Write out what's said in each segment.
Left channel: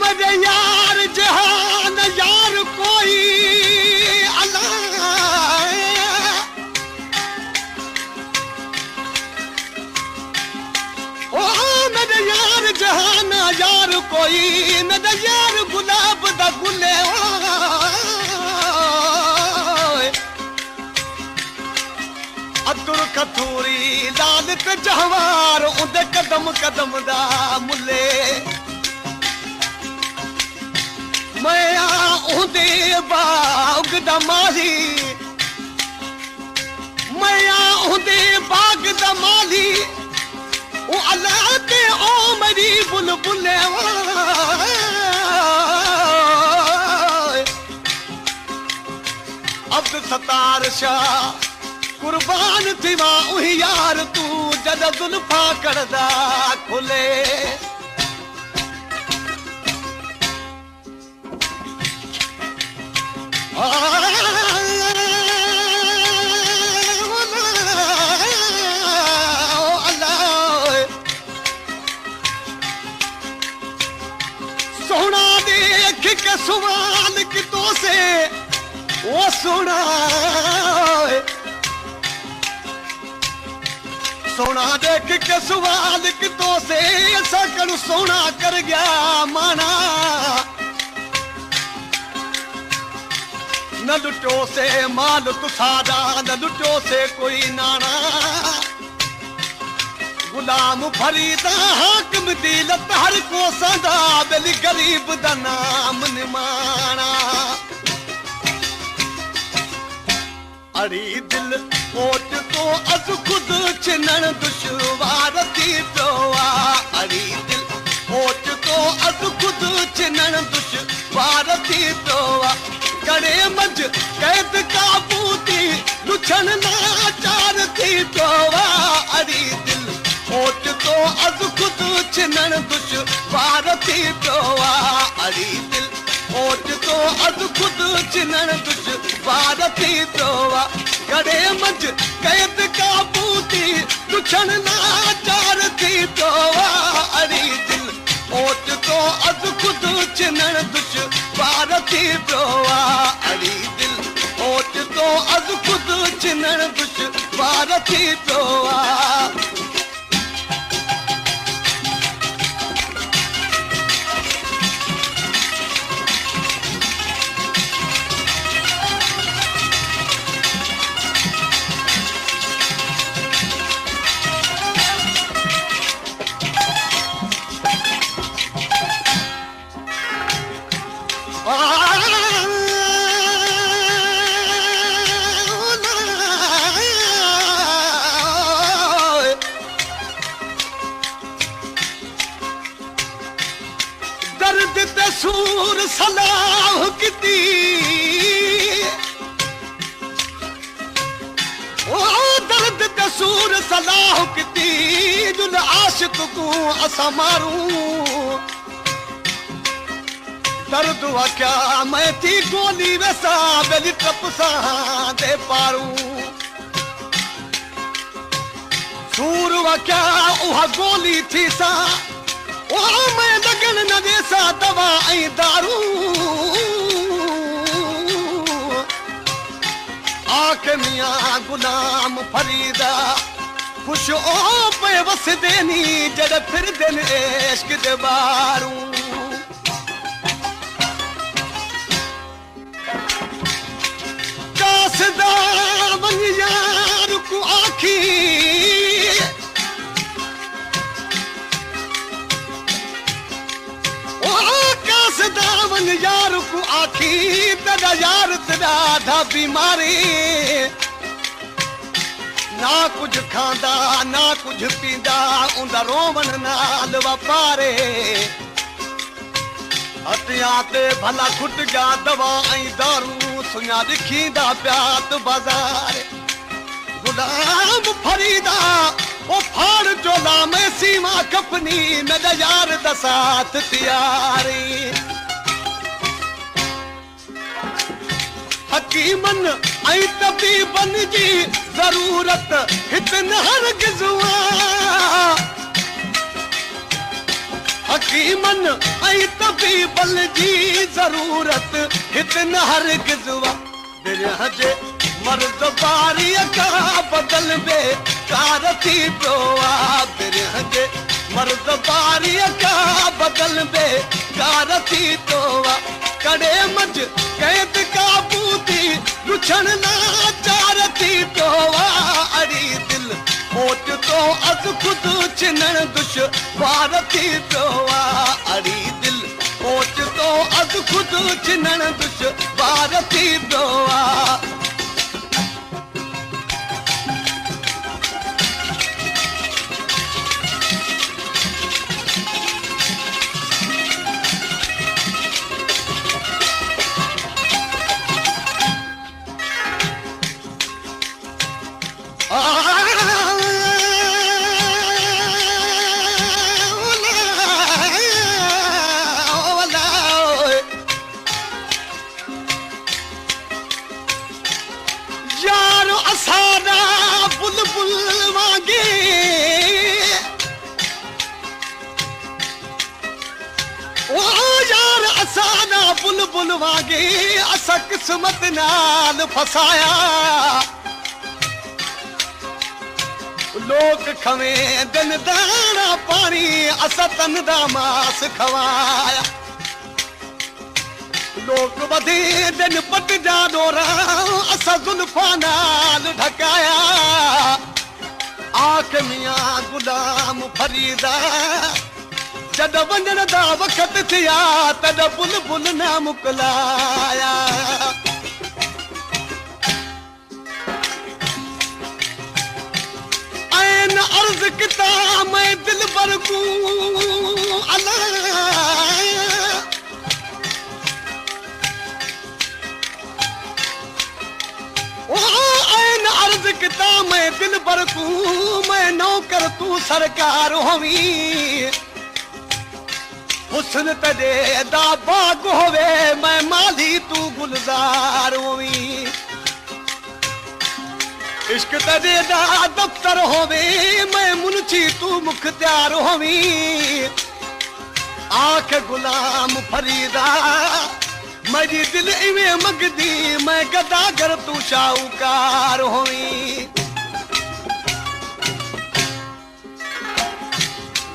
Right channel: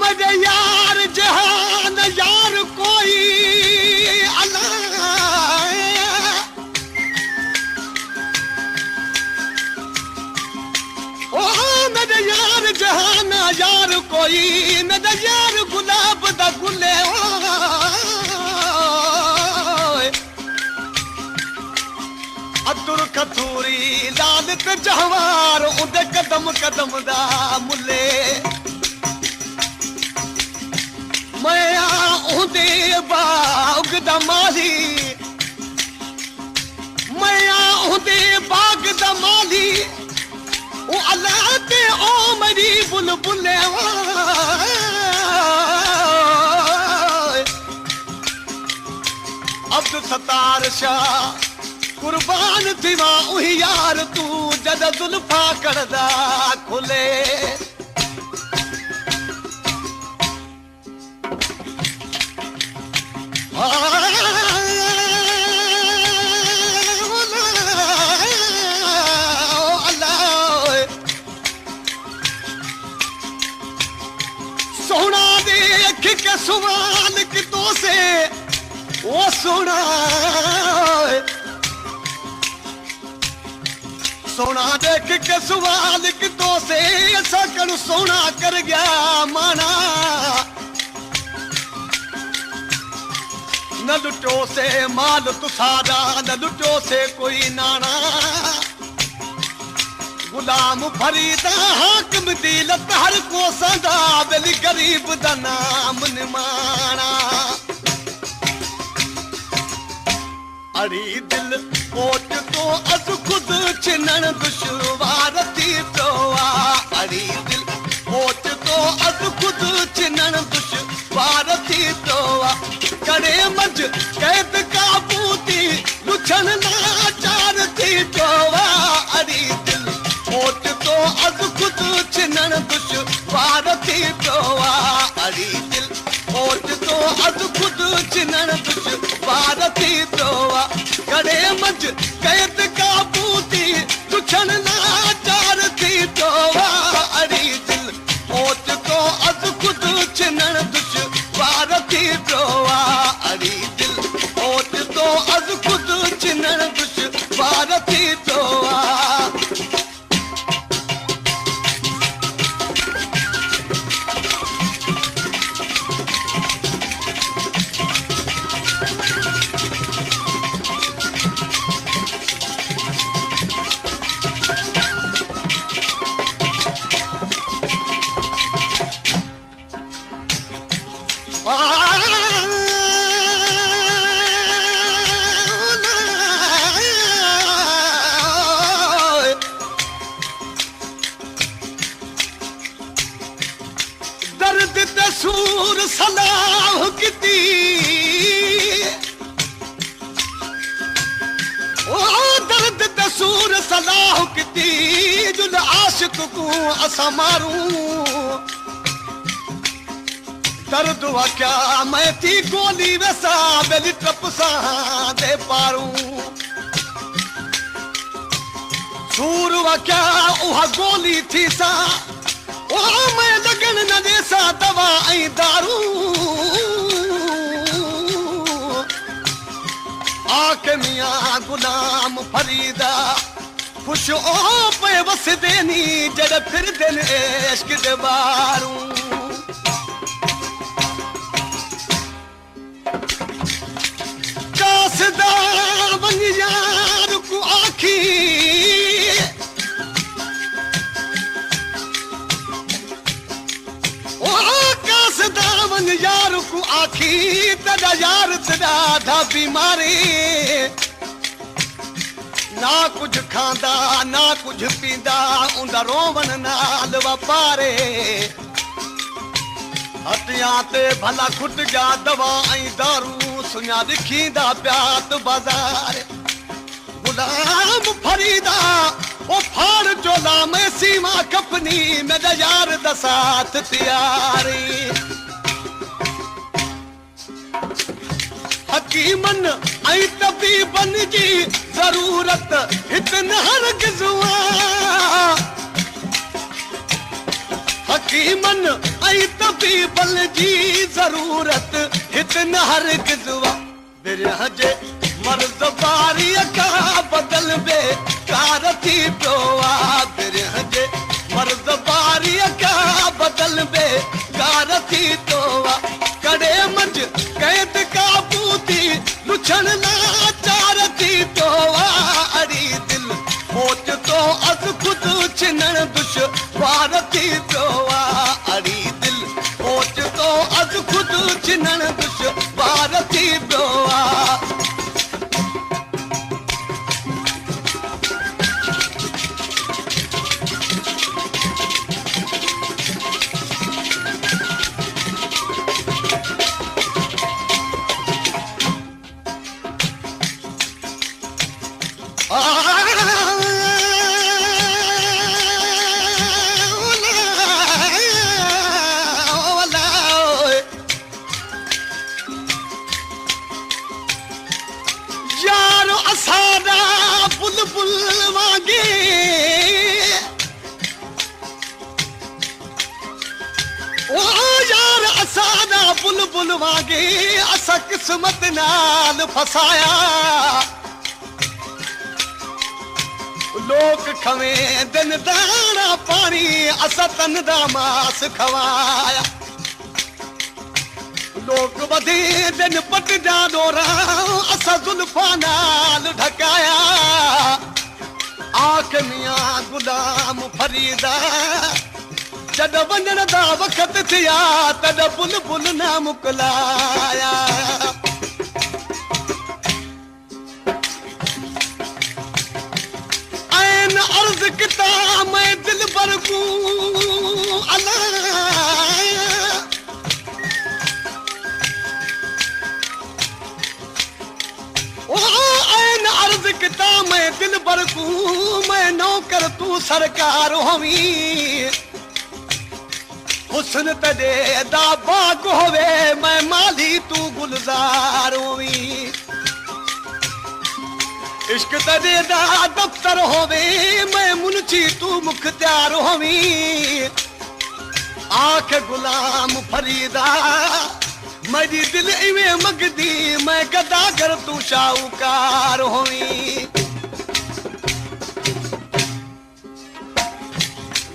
मेरे यार जहान यार कोई अल्लाह ओ मेरे यार जहान यार कोई मेरे यार गुलाब दा गुले अतुर कथूरी लालत जहवार उदे कदम कदम दा मुले मैं उदे बाग दा माही मैं उदे बाग दा माली ओ अल्लाह ते ओ मेरी बुलबुले अब्द सतार शाह कुर्बान थीवा उही यार तू जद जुल्फा करदा खुले सोना देख के सवाल कितों से वो सोना सोना देख के सवाल कितों से सकल सोना कर गया माना न लुटो से माल तुसारा न लुटो से कोई नाना गुलाम फरीदा हाकिम दिलत हर को सदा बेली गरीब दा नाम निमाना अड़ी दिल कोट तो अज खुद चिनन दुश्वार थी प्रोआ अड़ी दिल कोट तो अज खुद चिनन दुश्वार थी प्रोआ करे मंझ कैद काबूती लुछन नाचार थी प्रोआ अड़ी दिल कोट तो अज खुद चिनन दुश्वार थी प्रोआ अड़ी दिल कोट तो अज खुद चिनन दुश्वार थी प्रोआ करे मंझ कैद काबूती लुछन नाचार थी प्रोआ अड़ी दिल कोट तो अज खुद चिनन दुश्वार थी प्रोआ अड़ी दिल कोट तो अज खुद चिनन दुश्वार थी प्रोआ दर्द तसूर सलाह किती ओ दर्द तसूर सलाह किती जुल आशिक को असा मारू दर्द हुआ क्या मैं थी गोली वैसा बेली तपसा दे पारू सूर हुआ क्या उहा गोली थी सा ओ मैं लगन न जैसा दवा ऐं दारू आके मियां गुलाम फरीदा खुश ओ पे वस देनी जड़ फिर दिन इश्क दे बारू कासदा वन यार को आखी दामन यार को आखी तदा यार तदा धा बीमारी ना कुछ खांदा ना कुछ पींदा उंदा रोवन नाल वापारे हथिया ते भला खुट जा दवा ऐं दारू सुञा लिखींदा प्यात बाज़ार गुलाम फरीदा ओ फाड़ चोला में सीमा कपनी मेरा यार दा साथ तियारी हकीमन ऐं तबीबन जी ज़रूरत हितन हरगिज़ हुआ हकीम मन ऐं तबीबल जी ज़रूरत हिते न हर गिज़वा बिरह जे मर्द बारीअ खां बदल बेकार थी पियो आहे बिरह जे मर्द बारीअ खां बदल बेकार थी पियो आहे कॾहिं मंझि कैद काबू थी ॾुछण लाचार थी पियो आहे अड़ी दिलि ओचितो अधु ख़ुदि छिनण दुश्वार थी पियो आहे अड़ी दिलि ओचितो अधु ख़ुदि छिनण दुश्वार थी पियो आहे यारो असाना बुलबुल वांगे ओ यार असाना बुलबुल वांगे असां किस्मत नाल फसाया लोक खवे दिन दाना पानी असां तन दा मास खवाया लोक वधे दिन पट जा डोरा असां ज़ुल्फा नाल ढकाया आख मियां गुलाम फरीदा जॾहिं वञण दा वक़्त थिया तॾहिं बुलबुल न मोकिलाया अर्ज़ किता मैं दिल बरगू अल्लाह ऐन अर्ज़ किता मैं दिल बरगू मैं नौकर तू सरकार होवी हुस्न तॾे दा बाग होवे मैं माली तू गुलजार होवी इश्क तॾे दा दफ़्तर होवे मैं मुंशी तू मुख्तियार होवी आख गुलाम फरीदा मेरी दिल इवें मगदी मैं गदागर तू शाहूकार होवी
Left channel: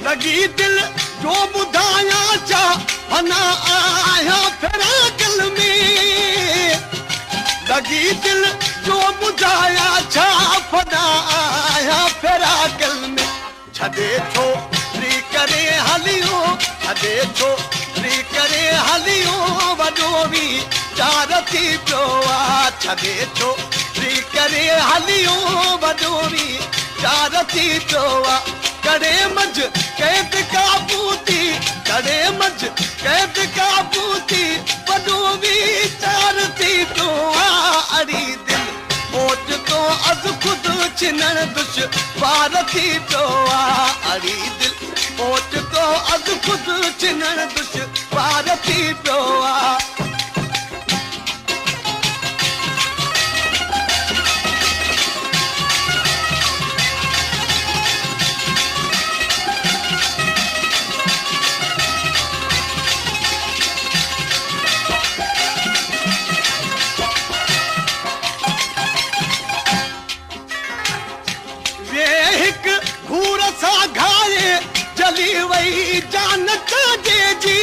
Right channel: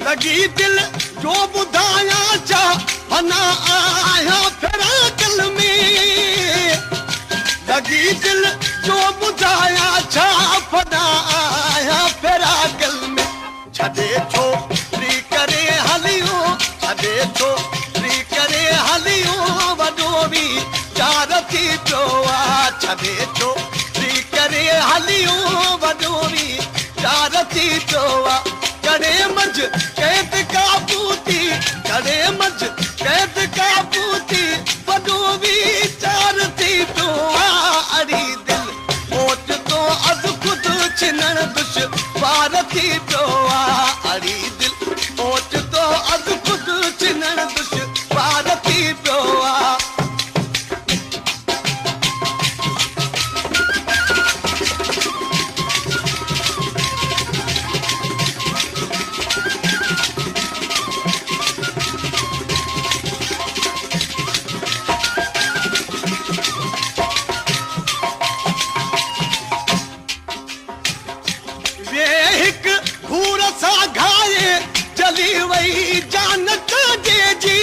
लगी दिल जो ॿुधाया छा फना आया फिरा दिल में लगी दिल जो ॿुधाया छा फना आया फिरा दिल में छॾे छोकिरी करे हलियो छॾे छोकिरी करे हलियो वॾो बि चार थी पियो आहे छॾे छोकिरी करे हलियो वॾो बि चार थी पियो आहे कॾहिं मंझि कैद काबू थी कॾहिं मंझि कैद काबू थी वॾो बि चार थी पियो आहे अड़ी दिलि ओचितो अधु ख़ुदि छिनण दुश्वार थी पियो आहे अड़ी दिलि ओचितो अधु ख़ुदि छिनण दुश्वार थी पियो आहे घूर सां घाए जली वई जान काजे जी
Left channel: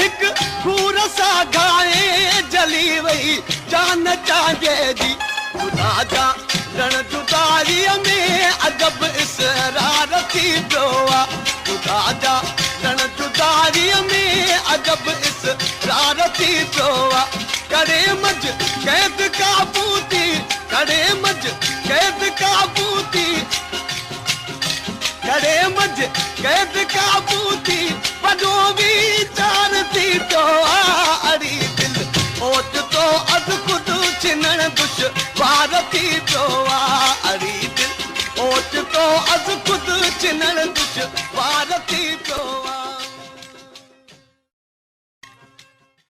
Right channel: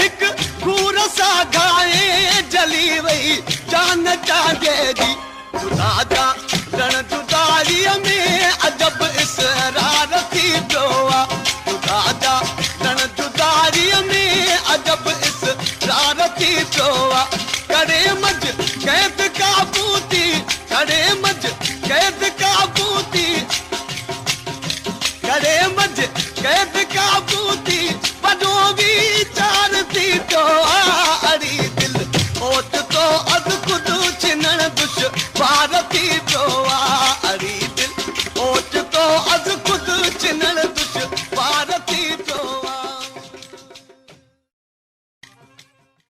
हिकु घूर सां घाए जली वई जान काजे जी ख़ुदा जा ॼण जुदारीअ में अजब इसरार थी पियो आहे ख़ुदा जा ॼण जुदारीअ में अजब इसरार थी पियो आहे कॾहिं मंझि कैद काबू थी कॾहिं मंझि कैद काबू थी कॾहिं मंझि कैद काबू थी वॾो बि चार थी पियो आहे अड़ी दिलि ओचितो अधु ख़ुदि छिनण दुश्वार थी पियो आहे अड़ी दिलि ओचितो अधु ख़ुदि छिनण